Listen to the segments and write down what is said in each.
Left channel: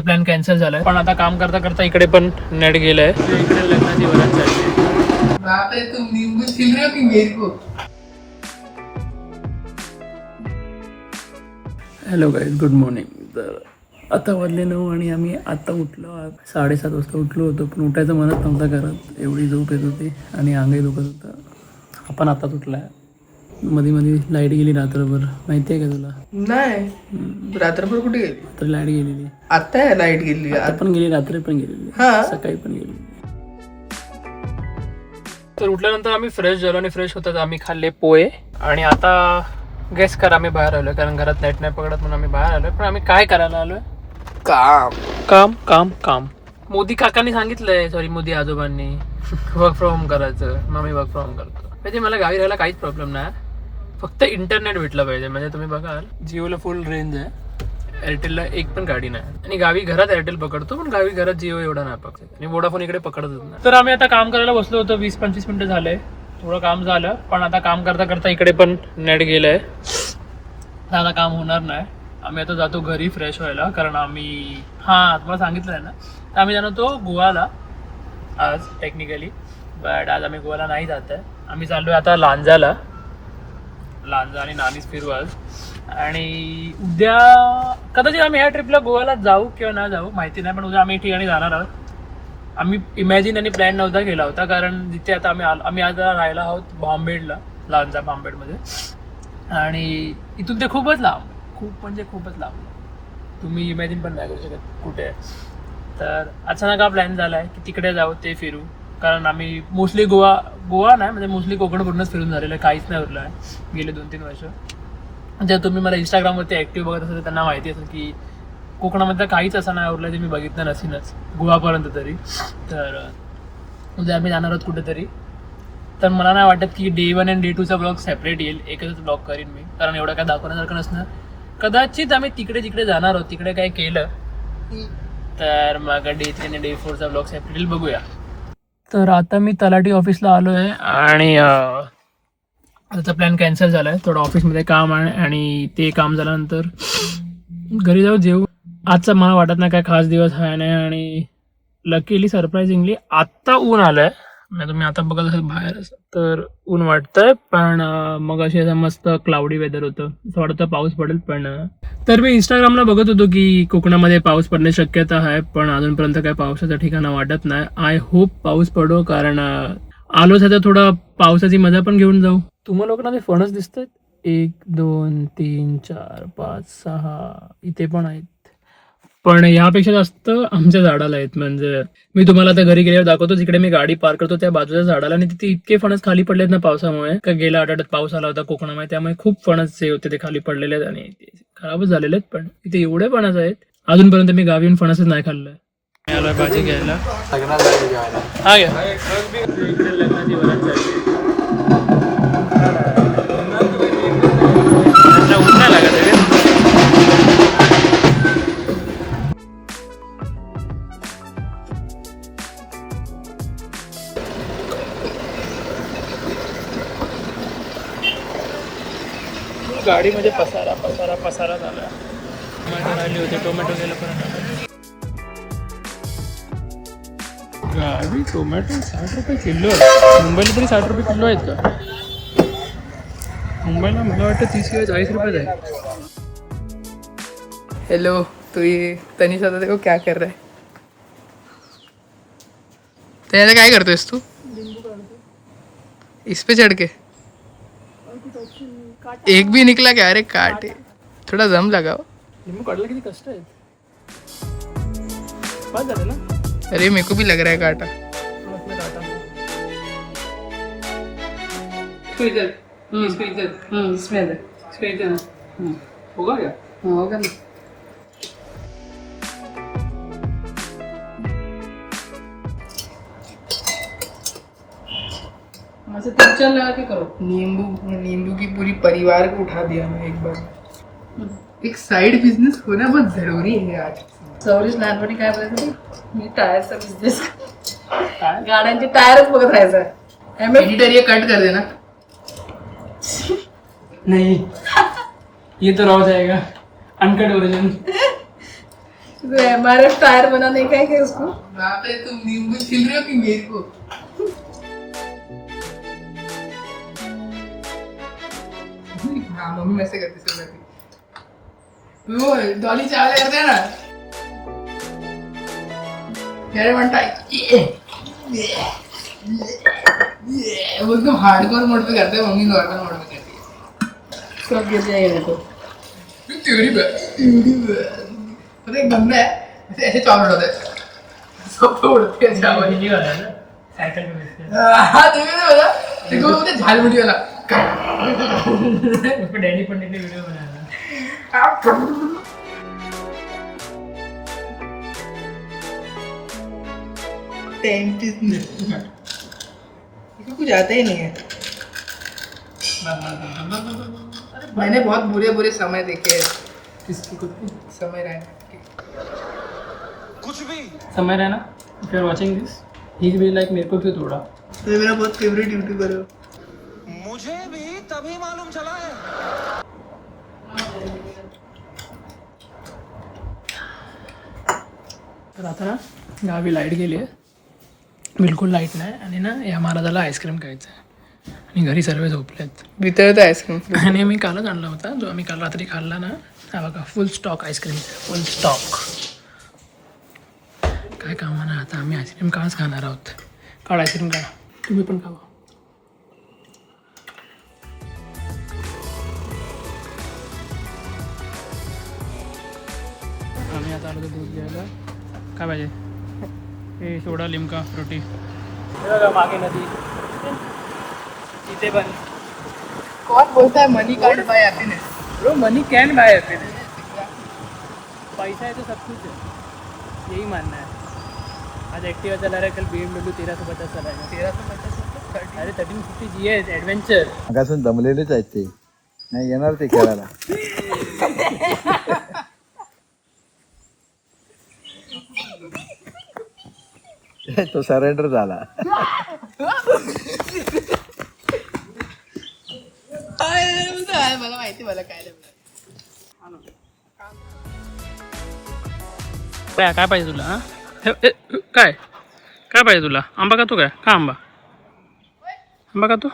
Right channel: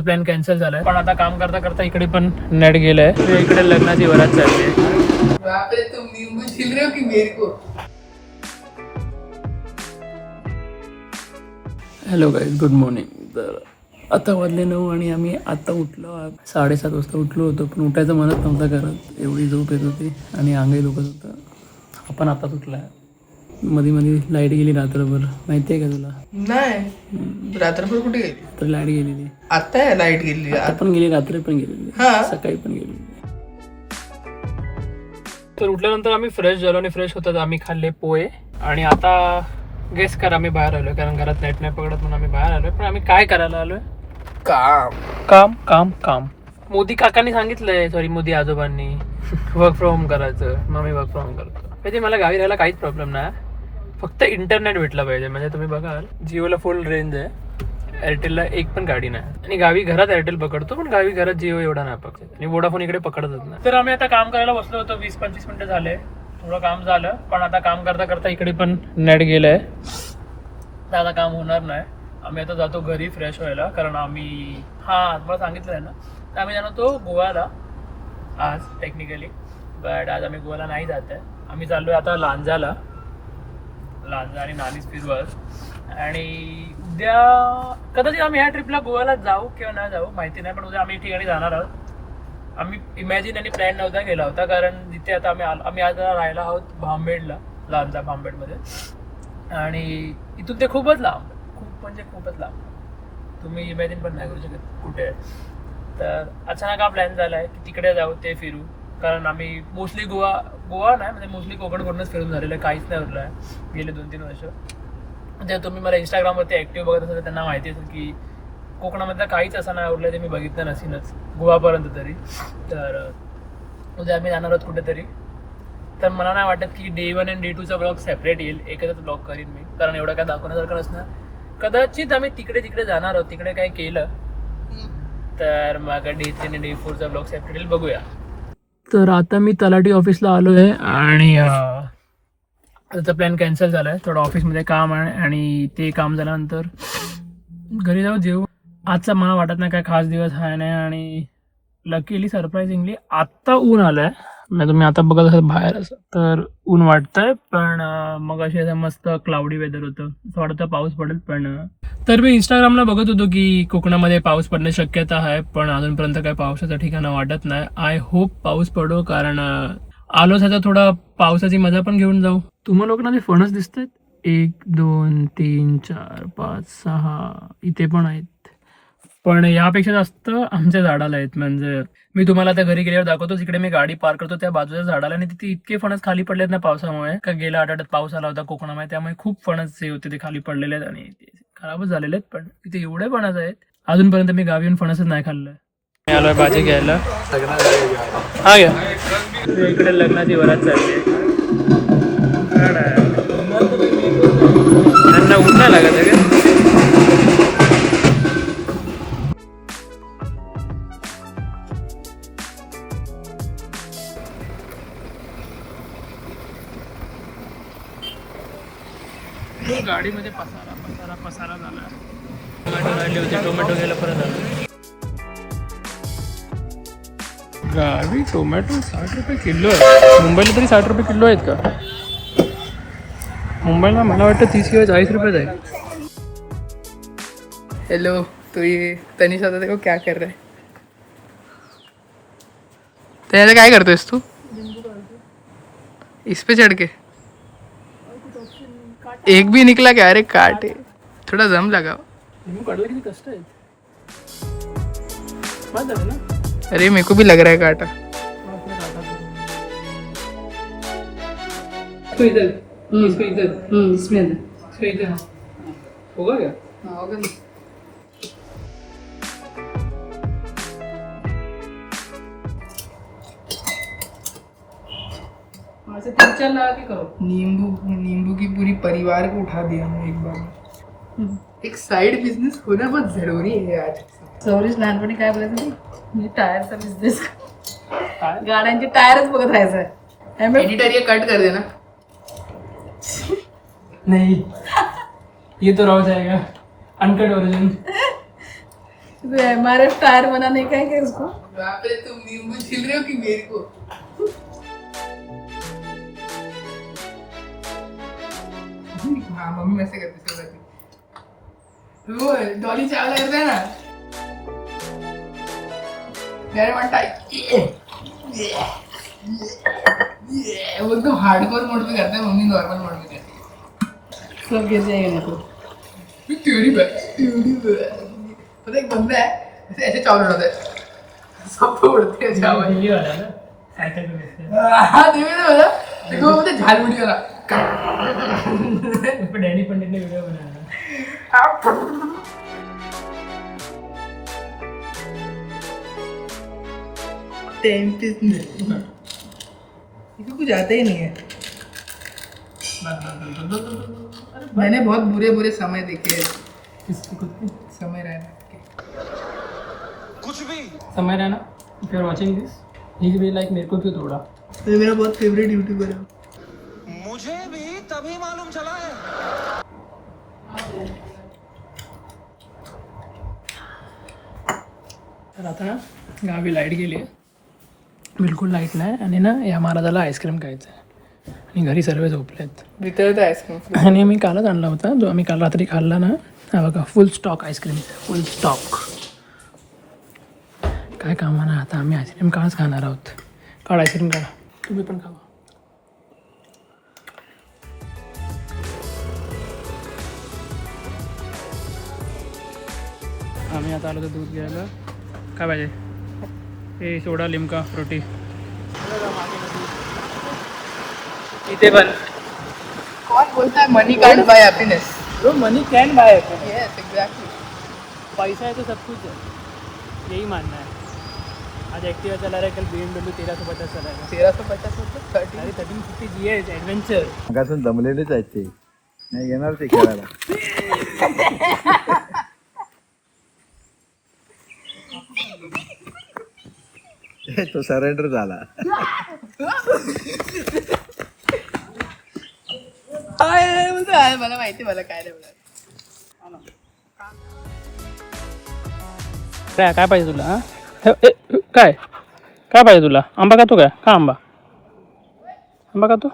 Plan cancel झालाय, पण आता काम करता करता इकडे पण नेट गेलंय. इकडे लग्नाची वरात चालली आहे. तुम नींबू छील रहे हो कि मेरे को? Hello guys, good morning. तर आता वाजले 9 आणि आम्ही आता उठलो. 7:30 वाजता उठलो होतो, पण उठायचं म्हणत नव्हतं घरात. एवढी झोप येत होती आणि अंगही दुखत होतं. आपण आता उठलाय. मध्ये मध्ये लाईट गेली रात्रभर, माहिती आहे का तुला? नाही, रात्रभर कुठे गेली? तर लाईट गेलेली. आता लाईट गेली. आता पण गेली, रात्री पण गेलेली, हा. सकाळी पण गेलेली. तर उठल्यानंतर आम्ही फ्रेश झालो आणि फ्रेश होतात आम्ही खाल्ले पोहे. आणि आता गेस करा आम्ही बाहेर आलोय, कारण घरात नेट नाही पकडत म्हणून आम्ही बाहेर आलोय. पण आम्ही काय करायला आलोय? काम काम काम काम. मोदी काकांनी सांगितलंय, सॉरी मोदी आजोबांनी वर्क फ्रॉम होम करायचं. मग मी वर्क फ्रॉम होम करतो. म्हणजे मला गावी राहायला काहीच प्रॉब्लेम नाही, फक्त इंटरनेट भेटलं पाहिजे. म्हणजे तुम्ही बघाल जिओला फुल रेंज आहे, एअरटेलला एक पण गाडी नाही. आणि गावी घरात एअरटेल पकडतो, पण गावी घरात जिओ एवढा नाही पकडत. आणि वोडाफोन इकडे पकडतच नाही. तर आम्ही आता काम करायला बसलो होतो. 20-25 मिनिटं झाले, थोडं काम झालं. पण आता काम करता करता इकडे पण नेट गेलंय, तर आता काम होणार नाही. आम्ही आता जातो घरी फ्रेश व्हायला, कारण आम्ही तुम्हाला सांगितलं आहे ना, तर आम्ही जाणार तो गोव्याला आज टेक्निकली. बट आज आम्ही गोव्याला नाही जात आहे. आम्ही चाललो आहे आता लांजा आणि नानीच फिरू आज. आणि उद्या कदाचित आम्ही ह्या ट्रिपला गोव्याला जाऊ किंवा नाही जाऊ माहिती नाही, पण उद्या आम्ही ठिकाणी जाणार आहोत. आम्ही इमॅजिन आणि प्लॅन नव्हता केला होता, कारण जिथे आता आम्ही आज राहायला आहोत भांबेडला, लांजा भांबेडमध्ये. आणि इथून ते खूपच लांब, खूप म्हणजे खूपच लांब. तुम्ही इमॅजिन पण नाही करू शकत कुठे आहे. तर अचानक हा प्लॅन झाला आहे की तिकडे जाऊ, ते फिरू. कारण आम्ही मोस्टली गोवा नाही, म्हणजे मोस्टली कोकण पूर्णच फिरून झालेलं आहे, काहीच नाही उरलं आहे गेले 2-3 वर्ष. जर तुम्ही मला इंस्टाग्रामवरती ॲक्टिव्ह बघत असाल तर त्यांना माहिती असेल की कोकणामधलं काहीच असं नाही उरलं ते मी बघितलं नसेनच गोवापर्यंत तरी. तर उद्या आम्ही जाणार आहोत कुठेतरी. तर मला नाही वाटत की Day 1 आणि Day 2चा ब्लॉग सेपरेट येईल, एकच ब्लॉग करीन मी, कारण एवढं काय दाखवण्यासारखं नसणार. कदाचित आम्ही तिकडे जाणार आहोत, तिकडे काय केलं तर मग Day 3 आणि Day 4चा ब्लॉग सेपरेट येईल, बघूया. तर आता मी तलाठी ऑफिसला आलो आहे आणि त्याचा प्लॅन कॅन्सल झाला आहे. थोडं ऑफिसमध्ये काम आहे आणि ते काम झाल्यानंतर घरी जाऊ जेवू. आजचा मला वाटत नाही काय खास दिवस आहे नाही. आणि लकीली सरप्राइझिंगली आत्ता ऊन आलं आहे. म्हणजे तुम्ही आता बघत असाल बाहेर असं तर ऊन वाटतं, पण मग अशी असं मस्त क्लाउडी वेदर होतं, असं वाटतं पाऊस पडेल. पण तर मी इंस्टाग्रामला बघत होतो की कोकणामध्ये पाऊस पडण्याची शक्यता आहे, पण अजूनपर्यंत काही पावसाचं ठिकाणं वाटत नाही. आय होप पाऊस पडो, कारण आलोच आहे तर थोडा पावसाची मजा पण घेऊन जाऊ. तुम्हाला लोकांना ते फणस दिसत आहेत, 1 2 3 4 5 6 इथे पण आहेत, पण यापेक्षा जास्त आमच्या झाडाला आहेत. म्हणजे मी तुम्हाला आता घरी गेल्यावर दाखवतो, जिकडे मी गाडी पार्क करतो त्या बाजूच्या झाडाला, आणि तिथे इतके फणस खाली पडलेत ना पावसामुळे. का गेल्या आठवड्यात पाऊस आला होता कोकणामध्ये, त्यामुळे खूप फणस जे होते ते खाली पडलेले आहेत आणि ते खराबच झालेले आहेत. पण इथे एवढे फणस आहेत, अजूनपर्यंत मी गावी येऊन फणसच नाही खाल्लंय. मी आलोय भाजी घ्यायला. हा घ्या. इकडे लग्नाची वरात चालली आहे. ऊन नाही लागत आहे का? गाडीमध्ये पसारा झाला. टोमॅटो राहिली होती, टोमॅटो घ्यायला परत आलो. गावी टोमॅटो 60 रुपये किलो आहे. मुंबईला तरी 60 रुपये किलो आहेत का? मुंबईला मला वाटतं 30 किंवा 40 रुपये आहे. हेलो, तो ये तनिषा था, देखो क्या कर रहा है. तनिषा काय करतोयस तू? इस पे चढ़ के एक भी निकला क्या? अरे काटे, थोड़ा दम लगाओ. लिंबू काढला किती कष्ट आहेत. बस झालं ना. अरे मेरे को भी लग रहा है काटा. होगा क्या? होगा ना. लगा के करो. नींबू की पूरी परिवार को उठा दिया मैं एक बार. एक साइड बिझनेस होना बहुत जरूरी है आज. सौरीश लहानपणी काय बोलायचं ते? मी टायरचा बिझनेस, गाड्यांचे टायरच बघत राहायचं. एडिटर ये कट कर देना. नहीं, ये तो रह जाएगा अनकट वर्जन. MRF टायर बनाने का है क्या उसको? बाप रे, तुम नींबू छील रहे हो कि मेरे को? हाँ, मम्मी ऐसे करती सुबह। वो डॉली चावल करते हैं ना, मेरे बनता वो एकदम हार्डकोर मोड पे करते हैं, मम्मी नॉर्मल मोड में करती है। सब कहते हैं देखो। तेरी पता है, एक बंदा है ऐसे चावल उड़ाता है, सब तो उड़ते हैं चावल। दिल्ली वाला है ना, साइकिल पे बेचते हैं। हाँ देखो ना, देखो वो बोलते झालमुड़ी वाला। उस पे डैनी पंडित ने वीडियो बनाया था। इसको कुछ आता ही नहीं है। मैंने बहुत बुरे बुरे समय देखे हैं। किसकी खुद की? समय रहने के। समय रहना, if you are watching this, he will be like मेरे को क्यों तोड़ा? तो मेरा बहुत फेवरेट यूट्यूबर है। मुझे भी तभी मालूम चला है। तर आता ना गावी लाईट गेली आहे, बिलकुल लाईट नाही. आणि ना या महाराजाला आईस्क्रीम खायचं आहे आणि घरी सर्व झोपलेत. वितळत आईस्क्रीम. आणि आम्ही कालच आणला होता, जो आम्ही काल रात्री खाल्ला ना, हा बघा फुल स्टॉक आईस्क्रीम, फुल स्टॉक. काय कामा ना, आता आम्ही आईस्क्रीम काळच खाणार आहोत. काढ आईस्क्रीम काढा, तुम्ही पण खावा. आम्ही आता आलो तर दूध घ्यायला. काय पाहिजे? हे सोडा, लिमका, फ्रुटी. मागे नदी, इथे पण. कौन बोलता है money can't buy happiness? Bro money can buy happiness. Yes exactly. पैसा है तो सब कुछ है, यही मानना है. आज एक्टिवा चला रहा है, कल BMW 1350 चलाएगा. 1350 अरे 1350 GS ॲडव्हेंचर. मगासून दमलेलेच आहेत ते, नाही येणार ते खेळायला. तो सरेंडर झाला. मला माहिती, मला काय नाही. काय पाहिजे तुला? हां काय काय पाहिजे तुला? आंबा खातो काय? का आंबा खातो?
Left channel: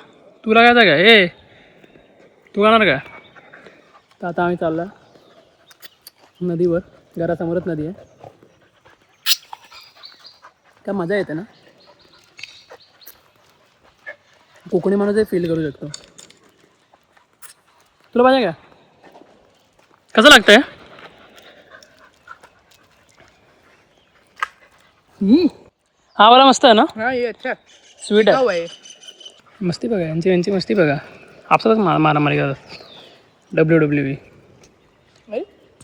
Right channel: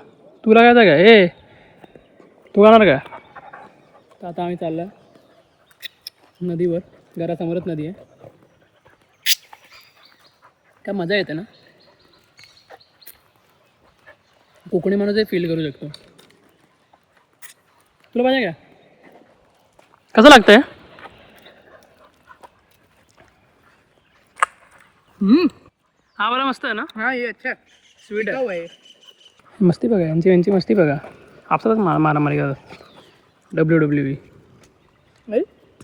तुला काय काय? ए तू खाणार काय? तर आता आम्ही चाललो नदीवर, घरासमोरच नदी आहे. काय मजा येते ना, कोकणी माणूस हे फील करू शकतो. तुला पाहिजे का? कसं लागतंय? हा वाला मस्त आहे ना, हाँ ये अच्छा स्वीट आहे. है. मस्ती बघा यांची मस्ती बघा. आपसातच मारामारी करतात. WWE.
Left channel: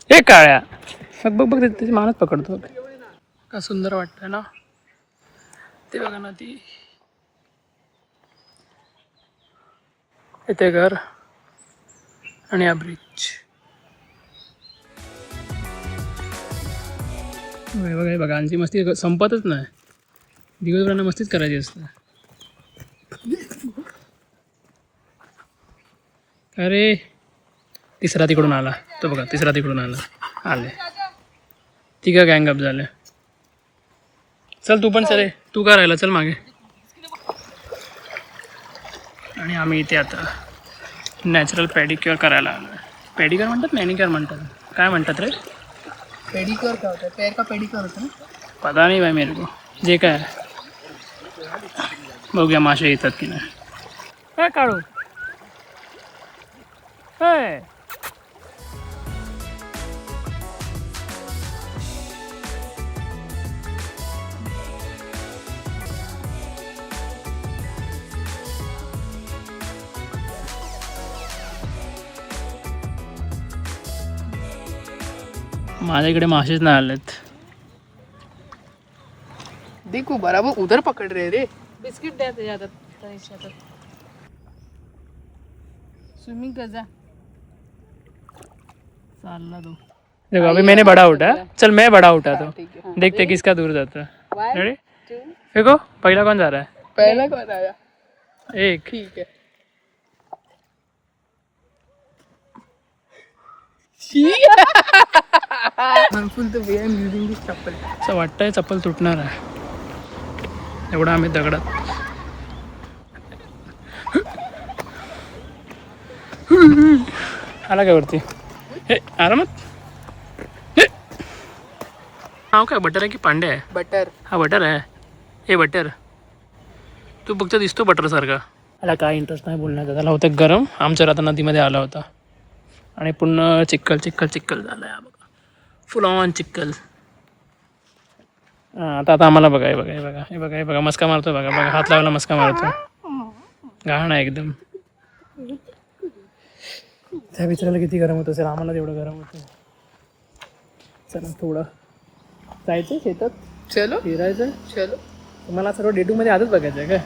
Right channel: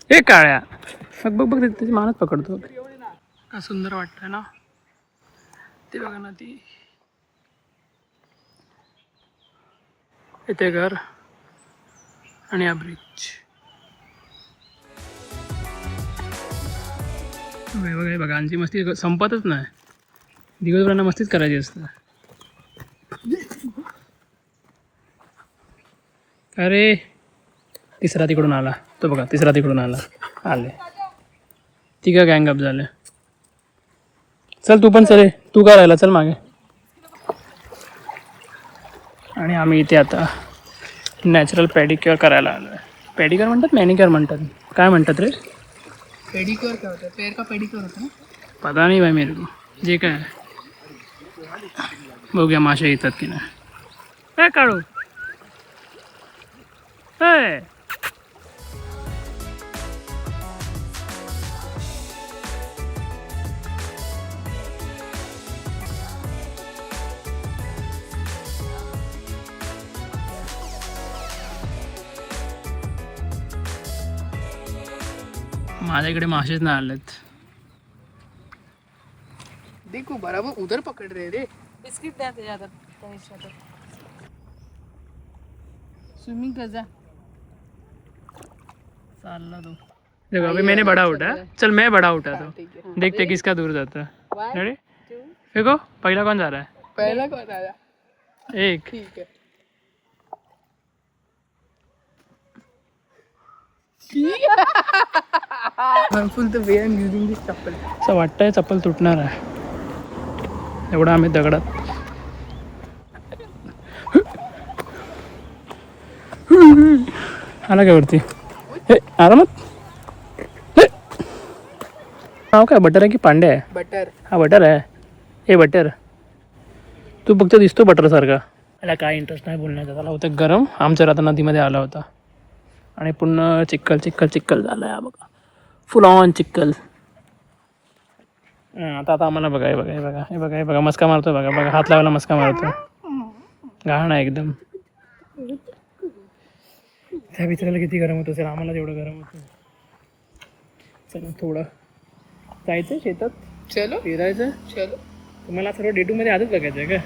हे काळ्या बघ त्याची मानच पकडतो. का सुंदर वाटतंय ना ते, बघा ना ती. इथे घर आणि हा ब्रिज. बघा यांची मस्ती संपतच नाही. दिवसभरांना मस्तीच करायची असतं. अरे तिसरा तिकडून आला, तो बघा तिसरा तिकडून आले. तिघं गँग अप झाले. चल तू पण चल, तू का राहिला, चल मागे. आणि आम्ही इथे आता नॅचरल पेडिक्युअर करायला आलो आहे. पेडिक्युअर म्हणतात, मॅनिक्युअर म्हणतात, काय म्हणतात रे? पेडिक्योर क्या होता है? पैर का पेडिक्योर होता है ना? पता नाही भाई मेरे को, जे काय. बघूया मासे येतात की नाही. काय काढू? काय माझ्या इकडे मासेच नाही आलेत. देखो बराबर उधर पकड़ रहे रे. बिस्किट द्यायचं याच्यात. स्विमिंग कर जा. चालला तू. देखो अभी मैंने बड़ा उठा, चल मैं बड़ा उठा तो देखते किसका दूर जाता है. रेडी? देखो पहला कौन जा रहा है? पहला कौन आया? एक. ठीक है. harmful the way I'm using this chappal. असं वाटतंय चप्पल तुटणार आहे एवढा आम्ही दगडात आला काय वरती हे आरामात हे. नाव काय बटर आहे की पांडे आहे Butter. हा बटर आहे हे बटर तू फक्त दिसतो बटर सारखा त्याला काय इंटरेस्ट नाही बोलण्याचा त्याला होतं गरम आमच्या राहता नदीमध्ये आला होता आणि पुन्हा चिक्कल चिक्कल चिक्कल झाला आहे बघा फुल ऑन चिक्कल हां आता आम्हाला बघा हे बघा हे बघा हे बघा हे बघा मस्का मारतो बघा बघा हात लावायला मस्का मारतो घाण आहे एकदम त्या बिचाराला किती गरम होत असेल आम्हाला तेवढं गरम होतं चला थोडं जायचं शेतात चलो फिरायचं चलो. तुम्हाला सर्व डे 2 मध्ये आजच बघायचं आहे का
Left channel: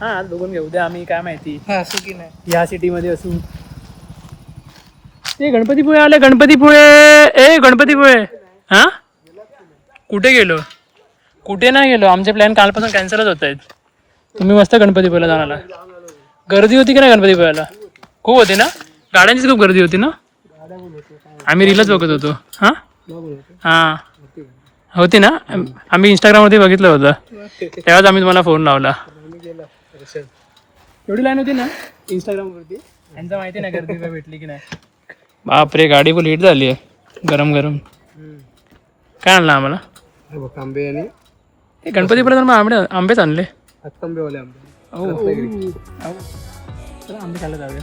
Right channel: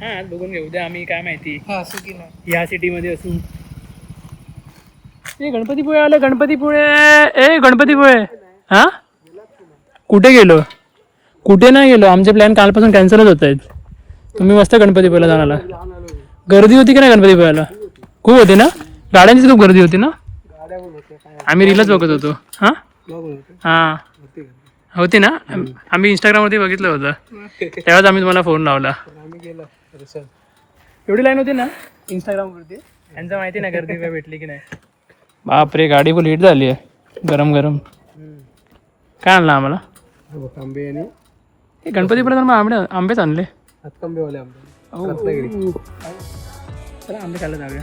हां आज बघून घेऊ द्या आम्ही काय माहिती हा असं की नाही. ह्या सिटीमध्ये असू ए गणपतीपुळे आले गणपतीपुळे ए गणपतीपुळे हां कुठे गेलो कुठे नाही गेलो आमचे प्लॅन कालपासून कॅन्सलच होत आहेत तुम्ही मस्त गणपतीपुळेला जाणार गर्दी होती की नाही गणपतीपुळेला खूप होते ना गाड्यांचीच खूप गर्दी होती ना आम्ही रीलच बघत होतो हां हां होती ना आम्ही इंस्टाग्रामवरती बघितलं होतं तेव्हाच आम्ही तुम्हाला फोन लावला एवढी लाईन होती ना इंस्टाग्रामवरती यांचं माहिती नाही गर्दी काय भेटली की नाही बापरे गाडी फुल हिट झाली आहे गरम गरम काय आणलं आम्हाला आंबे आणि हे गणपतीपुळे तर मग आंबेच आणले हातकंबेवाले आंबे चला आंबे खायला जाऊया